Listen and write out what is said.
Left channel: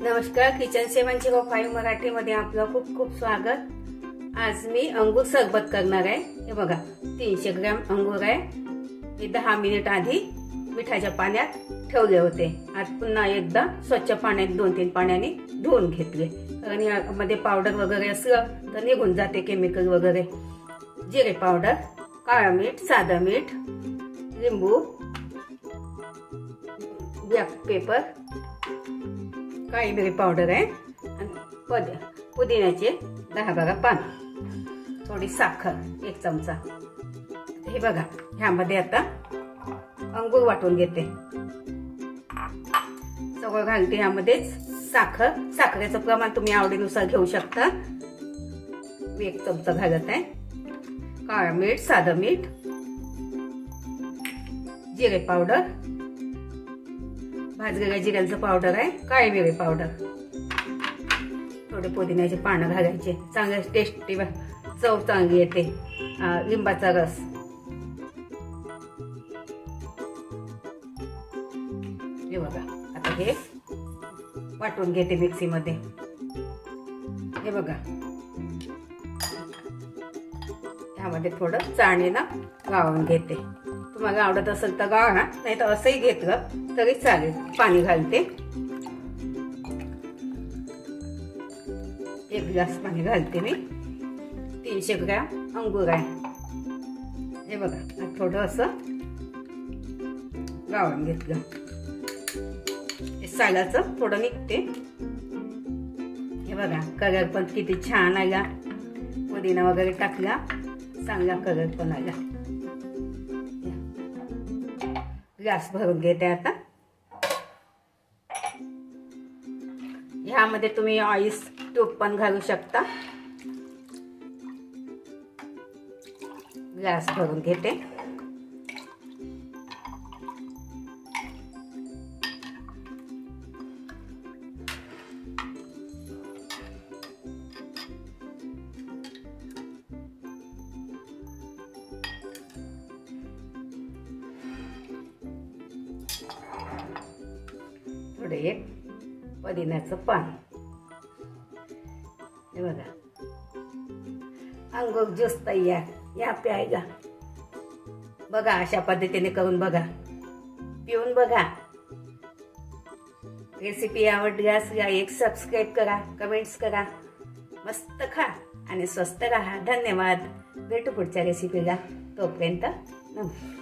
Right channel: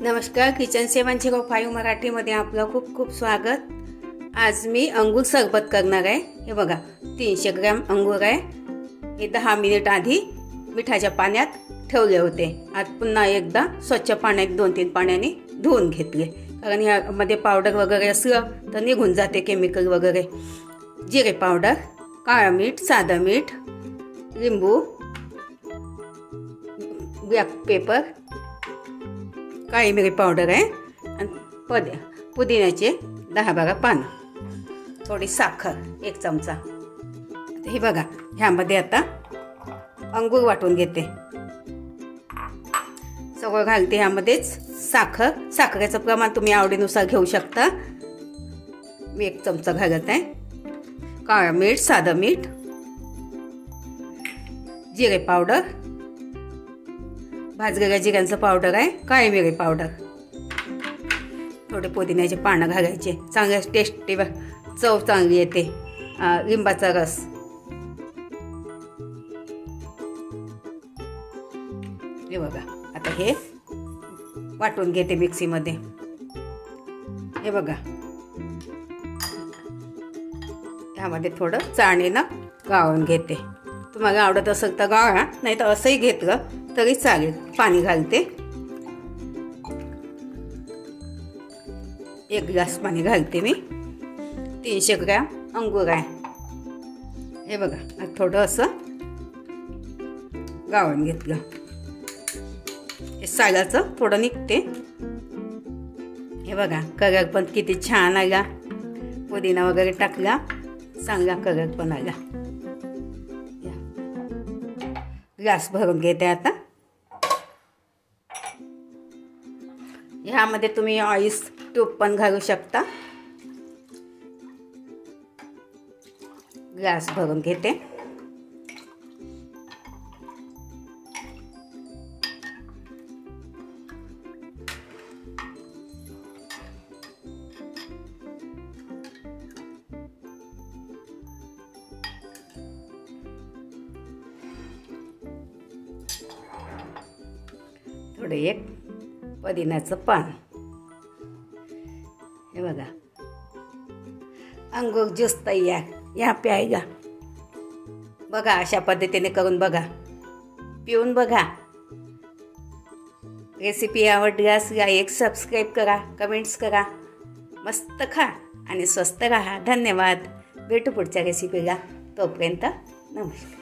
नमस्कार, किचन 705 मराठीमध्ये आपलं खूप खूप स्वागत। आज मी अंगूर सरबत करणार आहे। हे बघा 300 ग्रॅम अंगूर आहे। हे 10 मिनिट आधी मिठाच्या पाण्यात ठेवले होते। आज पुन्हा एकदा स्वच्छ पाण्यात 2-3 पाण्याने धुवून घेतले, कारण यामध्ये पावडर वगैरे असलं तर निघून जाते केमिकल वगैरे। जिरे पावडर, काळा मीठ, साधा मीठ, लिंबू, ब्लॅक पेपर, काळी मिरी पावडर आहे आणि पुदिन्याचे 10-12 पानं, थोडी साखर 1 चमचा। हे बघा, ह्यामध्ये आता अंगूर वाटून घेते। सगळं घालते ह्यामध्येच। साखरेचं प्रमाण तुम्ही आवडीनुसार घेऊ शकता। मी 1 चमचा घालत आहे। काळा मीठ, साधं मीठ, जिरे पावडर, भाजलेल्या जिऱ्याचं पावडर आहे, काळी मिरी पावडर, थोडे पुदिन्याचे पानं घालायचे, चांगल्या टेस्टी चव चांगली येते। लिंबाचा रस, हे बघा। आता हे वाटून घेते मिक्सीमध्ये। हे बघा, ह्यामध्ये थोडं चाळणीनं गाळून घेते। तुम्हाला आवडत असेल तर गाळा, नाही तर असंही घेतलं तरी चालेल। पाणी घालते, 1 ग्लास पाणी घालते मी। 300 ग्रॅम अंगूर आहे। हे बघा, थोडं असं गाळून घेतलं। हे सालाचं थोडं निघते। हे बघा, कलर पण किती छान आला। पुदिना वगैरे टाकला, चांगला कलर पण आला। ग्लास भरून घेते आता। ह्यामध्ये तुम्ही ऑइल तूप पण घालू शकता। ग्लास भरून घेते। थोडे 1 पुदिन्याचं पान। हे बघा, अंगूर ज्यूस तयार। या प्यायला बघा, अशा पद्धतीने करून बघा, पिऊन बघा। रेसिपी आवडल्यास लाईक, सबस्क्राईब करा, कमेंट्स करा। मस्त खा आणि स्वस्त राहा। धन्यवाद। भेटू पुढच्या रेसिपीला। तोपर्यंत नमस्कार।